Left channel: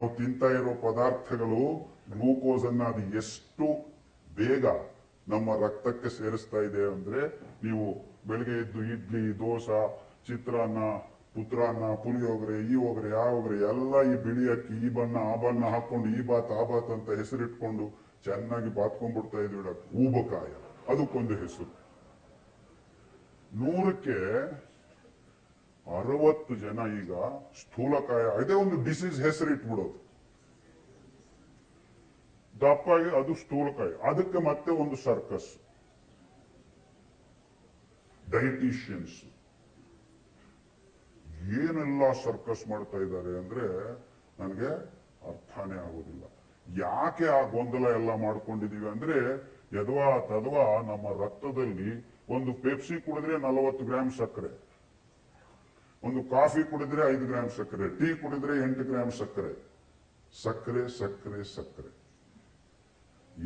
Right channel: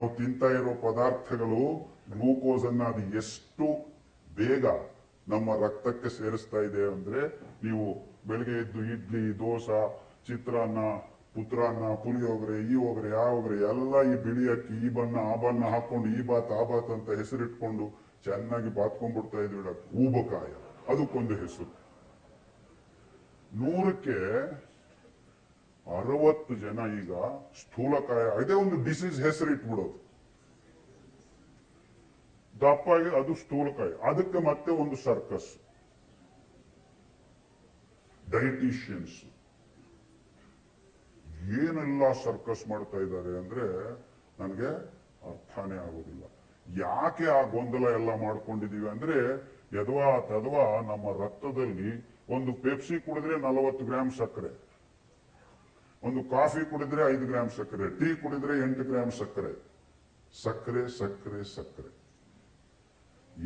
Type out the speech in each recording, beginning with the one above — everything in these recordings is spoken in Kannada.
ನಾವು ತಿಂತಾ ಇರೋ ಪದಾರ್ಥಗಳು ಗ್ಲೂಕೋಸ್ ಅನ್ನ ಅದು ಎಷ್ಟು ಬೇಗ ನಮ್ಮ ರಕ್ತಕ್ಕೆ ಸೇರಿಸ್ತಾ ಇದೆ ಅಂದ್ರೆ, ನೀವು ಬೆಳಿಗ್ಗೆ ಎದ್ದು ಇಡ್ಲಿ, ದೋಸೆ, ಚಿತ್ರಾನ್ನ, ಪುತ್ರಾನ್ನ, ಪುಳಿಯೋಗರೆ, ಈ ಹೋಗರೆ, ಆ ಹೋಗರೆ ಎಲ್ಲ ಈ ಬಿಳಿ ಅಕ್ಕಿ, ಈ ಬಣ್ಣ ಆ ಬಣ್ಣ ಹಾಕೊಂಡು ಈ ಬಾತ್ ಆ ಬಾತ್ ಅಂತ ಹೆಸರಿಟ್ಕೊಂಡು ಚೆನ್ನಾಗಿ ಬಾತ್ಕೊಂಡ್ಬಿಡ್ತಾ ಇದ್ವಿ. ಊಬಕಾಯ ಅದಕ್ಕೊಂದು ಹೆಸರು. 100ಕ್ಕೆ 60 ಜನ ಈಗ ಸ್ಥೂಲಕಾಯ, ಅದೇ ಒಂದು ಡಿಸೀಸ್ ಹೆಸರು ಇಟ್ಬಿಡೋದು. ದಪ್ಪಾಗಿ ಅದು ಸ್ಥೂಲಕಾಯ, ಅದಕ್ಕೆ ಮತ್ತೆ ಒಂದು ಸರ್ಕಸ್, ಡೈಟಿಷಿಯನ್ಸ್ ಏನೆಲ್ಲ ಸರ್ಕಸ್ ಮಾಡ್ತಾ ಇದ್ದಾರೆ ಅಂದ್ರೆ ನನಗೆ ಅರ್ಥನೇ ಆಗೋದಿಲ್ಲ. ಯಾಕೆ ಆ ಗೊಂದಲ ಎಲ್ಲ ಮಾಡ್ಕೊಂಡಿದೀವಿ ಅಂದ್ರೆ, ಯದ್ವಾ ತದ್ವಾ ನಮ್ಮ ರಕ್ತದಲ್ಲಿ ಒಂದು ಪೆಪ್ಸಿ ಕುಡಿದ್ರೆ 40 ಗ್ರಾಮ್ ಸಕ್ಕರೆ, ಒಂದು ಕಾಫಿ ಕುಡಿದ್ರೆ 5 ಗ್ರಾಮ್ ಸಕ್ಕರೆ, ಟೀ ಕುಡಿದ್ರೆ 8 ಗ್ರಾಮ್ ಸಕ್ಕರೆ. ಸಕ್ಕರೆ ಸಕ್ಕರೆ ಸಕ್ಕರೆ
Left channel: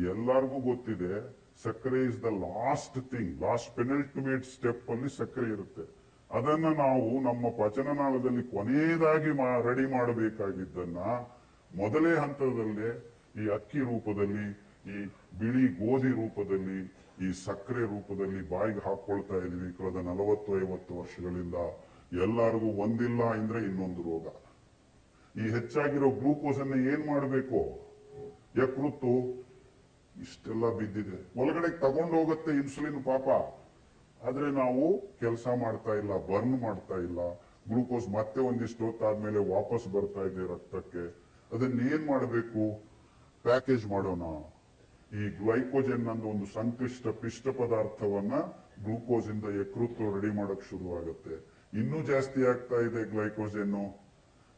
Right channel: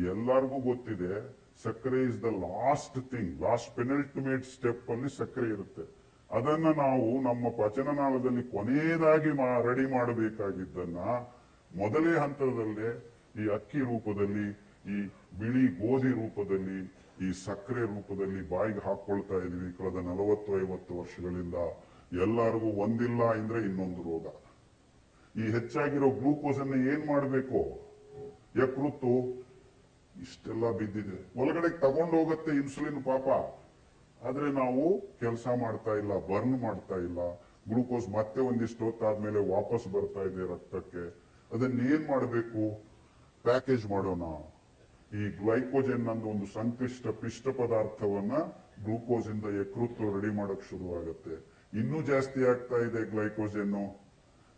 ಎಲ್ಲರಿಗೂ ಗೊತ್ತಿದೆ. ಸಕ್ಕರೆ is the last thing, last penultimate step ಅಲ್ಲಿ ಸಕ್ಕರೆ ಇರುತ್ತೆ. ಅದನ್ನ ನಾವು ನಮ್ಮ ಪಚನನಾಳದಲ್ಲಿ ಕೊನೆಯದಾಗಿ ರೆಡಿ ಮಾಡಬೇಕಾಗಿದ್ದನ್ನ ಮೊದಲೇ ಹಂತದಲ್ಲೇ ಈ ಅಕ್ಕಿ ರೂಪದಲ್ಲಿ, ಈ ಬಿಳಿ ಗೋಧಿ ರೂಪದಲ್ಲಿ, ಈ ಸಕ್ಕರೆ ರೂಪದಲ್ಲಿ ಬಾಯಿಗೆ ಹಾಕೊಳ್ತಾ ಇದೀವಿ ಕಳೆದ 40-50 ವರ್ಷಗಳಿಂದ. ಎಲ್ಲರಿಗೂ ಒಂದಿಲ್ಲ ಅಂದ್ರೆ ಇನ್ನೊಂದು ರೋಗ. ಈ ಹೆಚ್ಚಾಗಿರೋ ಗ್ಲೂಕೋಸ್ ಅನ್ನ ಏನ್ ಮಾಡಬೇಕು? ಯಕೃತ್ತು ಇಷ್ಟೆಲ್ಲ ಬಿದ್ದಿದೆ, ಒಳಗಡೆ ತಗೊಂಡು ಹೋಗುತ್ತೆ ಇನ್ಸುಲಿನ್ ಪಾಪ. ಆದ್ರೆ ನಾವು ಕೆಲಸ ಮಾಡ್ತಾ ಇಲ್ಲ, ಬರ್ನ್ ಮಾಡ್ತಾ ಇಲ್ಲ. ಗ್ಲೂಕೋಸ್ ಮತ್ತೆ ಒಂದಿಷ್ಟು ಹೊತ್ತಾದ್ಮೇಲೆ ವಾಪಸ್ ಬರ್ತಾ ಇದೆ ರಕ್ತಕ್ಕೆ. ಅದನ್ನೇನ್ ಮಾಡಬೇಕು? ಪ್ಯಾಕೇಜ್ ಮಾಡೋಣ. ಈ ಗ್ಲೈಕೋಜನ್ ಅನ್ನೋ ಒಂದು ಸಂಕ್ಲಿಷ್ಟ ಪಿಷ್ಟ ಪದಾರ್ಥವನ್ನ ಗ್ಲೂಕೋಸ್ ಇಂದ ಯಕೃತ್ತು ರೆಡಿ ಮಾಡಕ್ ಶುರು ಆಗುತ್ತೆ. ಇನ್ನೂ ಜಾಸ್ತಿ ಆಗ್ತಾ ಇದೆ ಗ್ಲೈಕೋಜನ್ನು,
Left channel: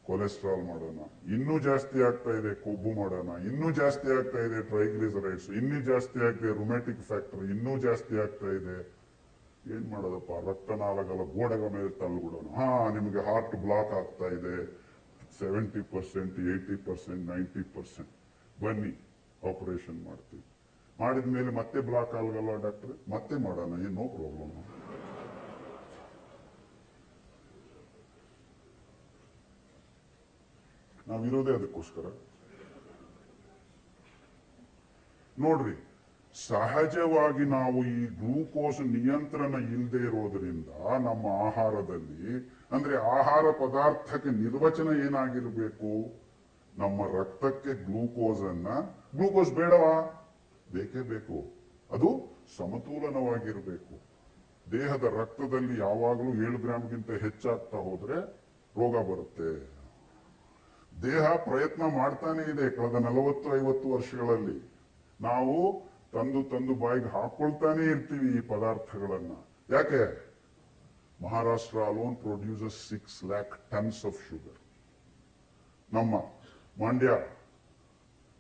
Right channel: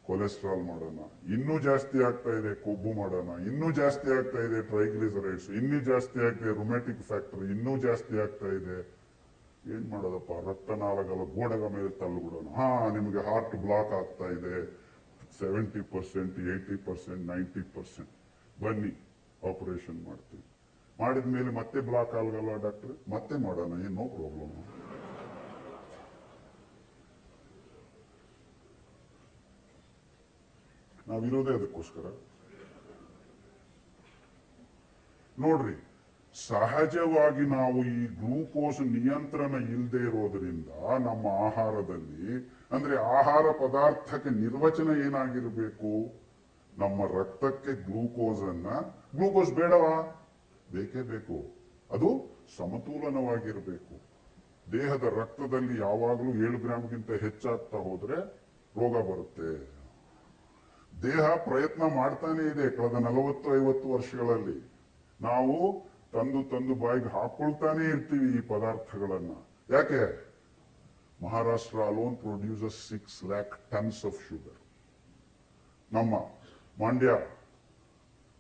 ಕೊಲೆಸ್ಟ್ರಾಲ್ ಮಾಡೋಣ. ಇನ್ನೂ ಜಾಸ್ತಿ ಆಗ್ತಾ ಇದೆ ಕೊಬ್ಬು ಮಾಡೋಣ. ಇನ್ನೂ ಜಾಸ್ತಿ ಆಗ್ತಾ ಇದೆ ಟ್ರೈಗ್ಲಿಸರೈಡ್ಸ್. ಇನ್ನೂ ಜಾಸ್ತಿ ಆಗ್ತಾ ಇದೆ ರುಮ್ಯಾಟಿಕ್ ಫ್ಯಾಕ್ಟರ್. ಇನ್ನೂ ಜಾಸ್ತಿ ಆಗ್ತಾ ಇದೆ. ಏನ್ ಮಾಡೋದಪ್ಪ? ರಕ್ತನಾಳಗಳ ಗೋಡೆಗಳ ಮೇಲೆ ತಳ್ಳಿಬಿಡೋಣ. ನಿಮಗೆ ಹಾರ್ಟ್ ಬ್ಲಾಕ್ ಆಗ್ತಾ ಇದೆ, 70%, 80%, 90%, ಬನ್ನಿ ಆಪರೇಷನ್ ಮಾಡ್ತೀವಿ. ಮಾಡಿದ್ಮೇಲೆ ಮತ್ತೆ ಬ್ಲಾಕ್ ಆಗಲ್ಲ ಡಾಕ್ಟ್ರೆ, ಮತ್ತೆ ಮಾಡೋಣ, ಏನೋ ಪ್ರಾಬ್ಲಮ್. ನಾವಿರೋದೇ ಅದಕ್ಕೋಸ್ಕರ. ನೋಡ್ರಿ, ಸಹಜವಾಗಿ ನಾವು ಈ ಗ್ಲೂಕೋಸ್ ನಿಯಂತ್ರಣ ಇಲ್ಲದೆ ಇರೋದ್ರಿಂದ ನಮ್ಮ ಆಹಾರದಲ್ಲಿ, ಅಂದ್ರೆ ಆಹಾರ ಪದಾರ್ಥಕ್ಕೆ ನಿರ್ವಚನ ಏನಾಗಿರ್ಬೇಕು? ನಮ್ಮ ರಕ್ತಕ್ಕೆ ಗ್ಲೂಕೋಸ್ ಬೇಡವಾ? ಬೇಕೇ ಬೇಕು. ಅದು ಸಮತೋಲನವಾಗಿರ್ಬೇಕು. ದೇಹದ ರಕ್ತದಲ್ಲಿ ಯಾವಾಗಲೂ 7 ಗ್ರಾಮ್ಗಿಂತ ಹೆಚ್ಚಾಗ್ತಾ ಹೋದ್ರೆ ರೋಗ ಬರುತ್ತೆ. ದೇಹ ಪ್ರಯತ್ನ ಮಾಡ್ತಾನೆ ಇದೆ ಕಳೆದ 40-50 ವರ್ಷಗಳಲ್ಲಿ. ನಾವು ತಂದು ಬಾಯಿಗೆ ಹಾಕೊಳ್ತಾನೆ ಇರ್ತೀವಿ ಈ ಪದಾರ್ಥಗಳನ್ನ. ಯಾಕೆ? Maharashtra alone produces 6 lakh tons of sugar. ನಮ್ಮ Mandya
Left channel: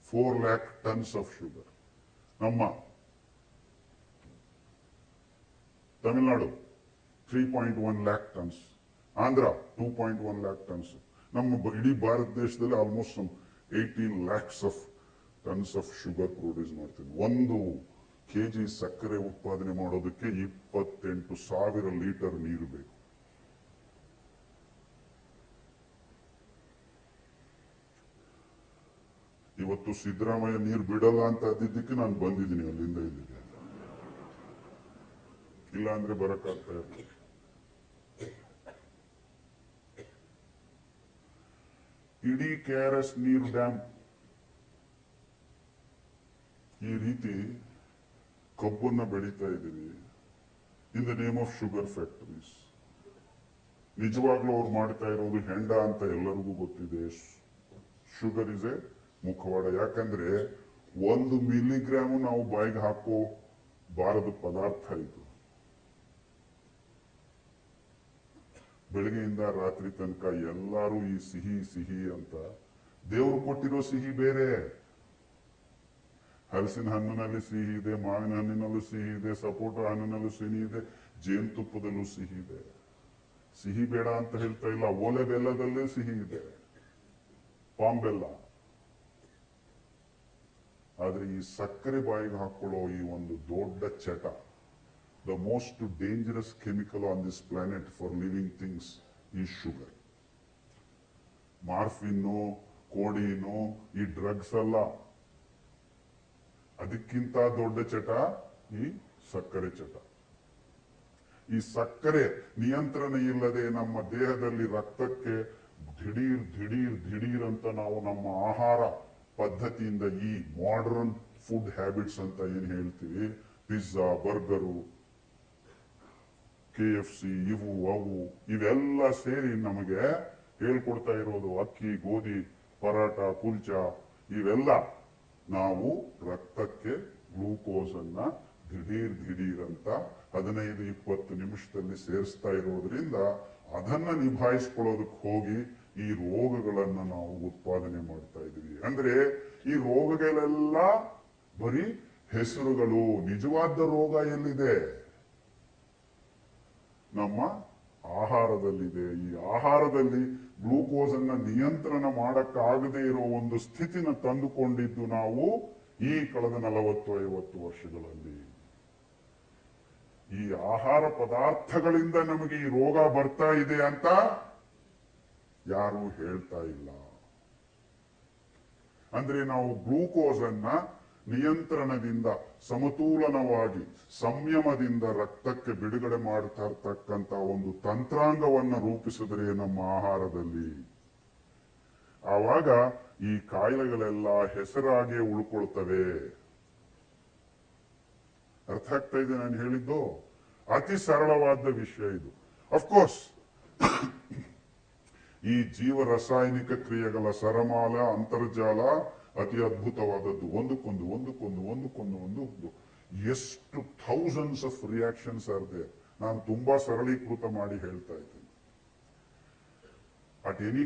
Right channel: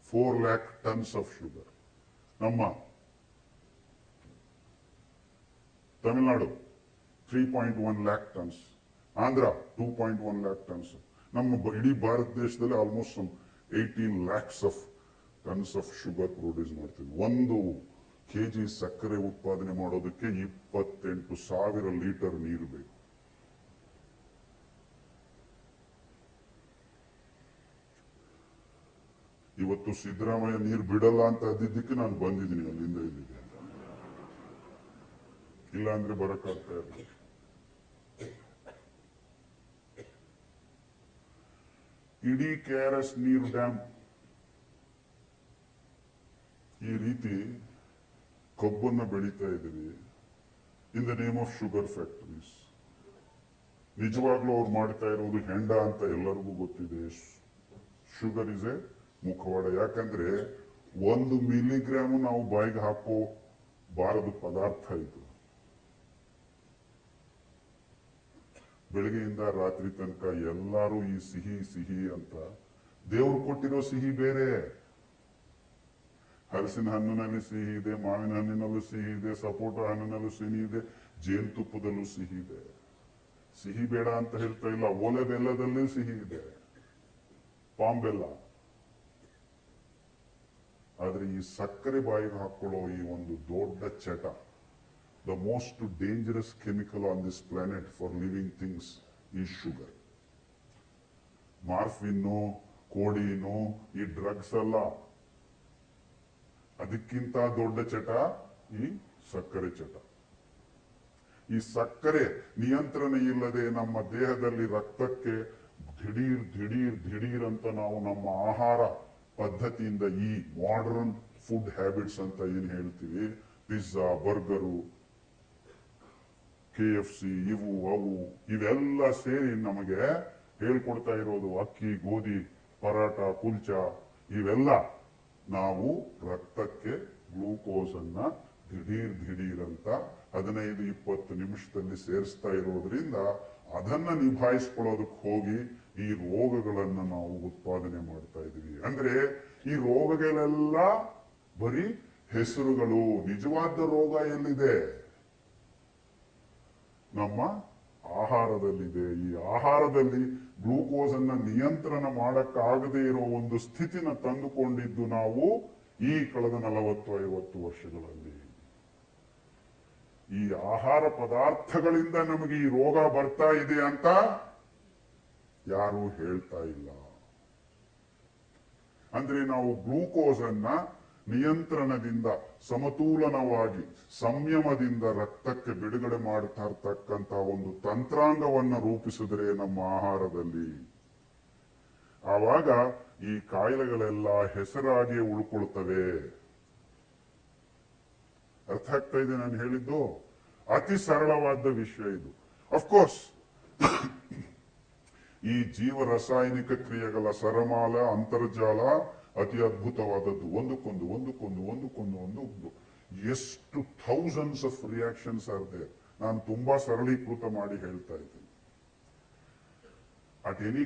4 lakh tons of sugar. ನಮ್ಮ Tamil Nadu 3.1 lakh tons. Andhra 2.1 lakh tons. ನಮ್ಮ ಇಡೀ ಭಾರತ ದೇಶದಲ್ಲಿ almost 18 lakhs of tons of sugar produce ಮಾಡ್ತೀವಿ. 1 kg ಸಕ್ಕರೆ ಉತ್ಪಾದನೆ ಮಾಡೋದಕ್ಕೆ 28,000 ಲೀಟರ್ ನೀರು ಬೇಕು. ಇವತ್ತು ಸಿದ್ದರಾಮಯ್ಯ ನೀರು ಬಿಡಲ್ಲ ಅಂತ ಅದಿದ್ದಕ್ಕೆ ನಾನು ಬಂದಿದ್ದೀನಿ, ಅಲ್ಲಿಂದ ಇಲ್ಲಿಗೆ. ಇಲ್ಲ ಅಂದ್ರೆ ಬರಕ್ಕಾಗ್ತಾ ಇರಲಿಲ್ಲ. ಇಡೀ KRS ನೀರು ಡ್ಯಾಮ್ ಈ ರೀತಿ ಕಬ್ಬನ್ನ ಬೆಳೀತಾ ಇದ್ದೀವಿ in the name of sugar factories. ನಿಜವಾಗ್ಲೂ ಅವ್ರು ಮಾಡ್ತಾ ಇರೋದು ಹೆಂಡ ಅಂತ ಎಲ್ಲರಿಗೂ ಗೊತ್ತಿದೆ. ಶುಗರ್ ಇಸ್ ಎ ಮುಖವಾಡ. ಯಾಕಂದ್ರೆ 1 ಮಿಲಿಗ್ರಾಮ್ ನಾವು ಬಾಯಿಗೆ ಹಾಕೋ ಬಾರದ ಪದಾರ್ಥ ಇದು. ಬೆಳಗ್ಗೆಯಿಂದ ರಾತ್ರಿ ತನಕ ಎಲ್ಲರೂ ಈ ಸಿಹಿ ಸಿಹಿ ಅಂತ. ದೇವ್ರು ಕೊಟ್ಟಿರೋ ಸಿಹಿ ಬೇರೆ. ಹಲಸಿನ ಹಣ್ಣಿನಲ್ಲಿ ಸಿಹಿ ಇದೆ, ಮಾವಿನ ಹಣ್ಣಿನಲ್ಲೂ ಸಿಹಿ ಇದೆ, ಸಪೋಟ ಹಣ್ಣಿನಲ್ಲೂ ಸಿಹಿ ಇದೆ, ಜೇನುತುಪ್ಪದಲ್ಲೂ ಸಿಹಿ ಇದೆ. ಸಿಹಿ ಬೇಡ ಅಂತ ಹೇಳ್ತಾ ಇಲ್ಲ. ಓಲೆ ಬೆಲ್ಲದಲ್ಲೂ ಸಿಹಿ ಇದೆ, ಪಾಮ್ ಬೆಲ್ಲ. ಆದ್ರೆ ಈ ಸಕ್ಕರೆ ಬಾಯಿಗೆ ಹಾಕೊಳ್ಳೋ ಈ ಒಂದು ದೊಡ್ಡ ಚಟ, the most dangerous chemical on this planet for living things is sugar. Morphine, codeine, ಈ ಡ್ರಗ್ಸ್ ಅಲ್ಲ. ಅದಕ್ಕಿಂತ ದೊಡ್ಡ ಚಟ ಈ ಸಕ್ಕರೆ ಚಟ. ಈ ಸಕ್ಕರೆ ನಿಯಂತ್ರಣ ಇಲ್ಲದೆ ನಮ್ಮ ದೇಹದಲ್ಲಿ ರಕ್ತಕ್ಕೆ ದಿಢೀರ್ ಅಂತ ನಾವು ನಮ್ಮ ಆಹಾರ ಪದ್ಧತಿಯಿಂದ ಈ ಮಾಡರ್ನ್ ಫುಡ್ ಹ್ಯಾಬಿಟ್ಸ್ ಅಂತ ಏನ್ ಹೇಳ್ತೀವಿ, ಪಿಜ್ಜಾ, ಬರ್ಗರು, KFC, ಇವು ಅವು ಇವೆಲ್ಲ ಸೇರಿ ನಮಗೆ ಹೇಳ್ಕೊಡ್ತಾ ಇರೋದು ಅಕ್ಕಿ, ಗೋಧಿ, ಪರಾಟ, ಕುಲ್ಚಾ, ಇವೆಲ್ಲ ನಾವು ರಕ್ತಕ್ಕೆ ಗ್ಲೂಕೋಸ್ ಅನ್ನ ದಿಢೀರ್ ಅಂತ 15-20 ನಿಮಿಷದಲ್ಲಿ ಸೇರಿಸ್ತಾ ಇರೋದ್ರಿಂದ ಅದನ್ನ ನಿಭಾಯಿಸ್ಕೊಳ್ಳೋದಕ್ಕೆ ಹೋಗಿ ಈ ರೋಗಗಳನ್ನ ನಾವು ಉತ್ಪಾದನೆ ಮಾಡ್ತಾ ಇದೀವಿ. ಅಂದ್ರೆ ಈ ರೋಗಗಳೆಲ್ಲ ಬರೀ ಹೆಸರುಗಳು. ನಿಜವಾದ ರೋಗ ಎಲ್ಲಿದೆ? ನಮ್ಮ ಆಹಾರದಲ್ಲಿದೆ. ಈ ಆಹಾರದಲ್ಲಿ ಗ್ಲೂಕೋಸ್ ಅನ್ನ ನಿಯಂತ್ರಣ ಮಾಡಕ್ಕಾಗದೇ ಇರೋ ಒಂದು ಸ್ಥಿತಿನ ತಂದುಕೊಂಡಿದ್ದು ನಾವು ಈ ಕಳೆದ 40-50 ವರ್ಷಗಳಲ್ಲಿ. ಈ ಆಹಾರ ಪದಾರ್ಥಗಳಿಂದ ನಮಗೆ ಈ ರೋಗ ಬರ್ತಾ ಇದೆ ಅಂತ ಯಾರು ಹೇಳ್ತಾ ಇಲ್ಲ. ಅಂದ್ರೆ ನಾವು ಗ್ಲೂಕೋಸ್ ಅನ್ನ ನಿಯಂತ್ರಣದಿಂದ ಸಮತೋಲನವಾಗಿ ಸಂಯಮದಿಂದ ರಕ್ತಕ್ಕೆ ಬಿಡುಗಡೆ ಮಾಡ್ತಾ ಇರ್ತಕ್ಕಂತ ಒಂದು ತಂತ್ರಾಂಗವನ್ನು ರೂಪಿಸಿದ್ರೆ ನಮ್ಮ ಆಹಾರದಲ್ಲಿ, ಆವಾಗ ಈ ಕಾಯಿಲೆಗಳೆಲ್ಲ ಹೆಸರಾಗಿ ಉಳ್ಕೊಳ್ತವೆ. ಅರ್ಥ ಆಗ್ತಾ ಇದೆ ನಾನು ಹೇಳಿದ್ದು? ಅತಿ ಸರಳವಾದ ವಿಷಯ ಇದು. ಅಫ್ಕೋರ್ಸ್ ಈ ಜೀವ ರಾಸಾಯನಿಕ ಕ್ರಿಯೆಗಳ ಸರಮಾಲ ಅಂತರ್ಜಾಲ ಅತಿ ಅದ್ಭುತವಾದದ್ದು. ಒಂದಕ್ಕೊಂದು ಎಷ್ಟು thousands of reactions are there. ನಾನು ತುಂಬಾ ಸರಳೀಕೃತ ಮಾಡಿ ಹೇಳ್ತಾ ಇದ್ದೀನಿ. At any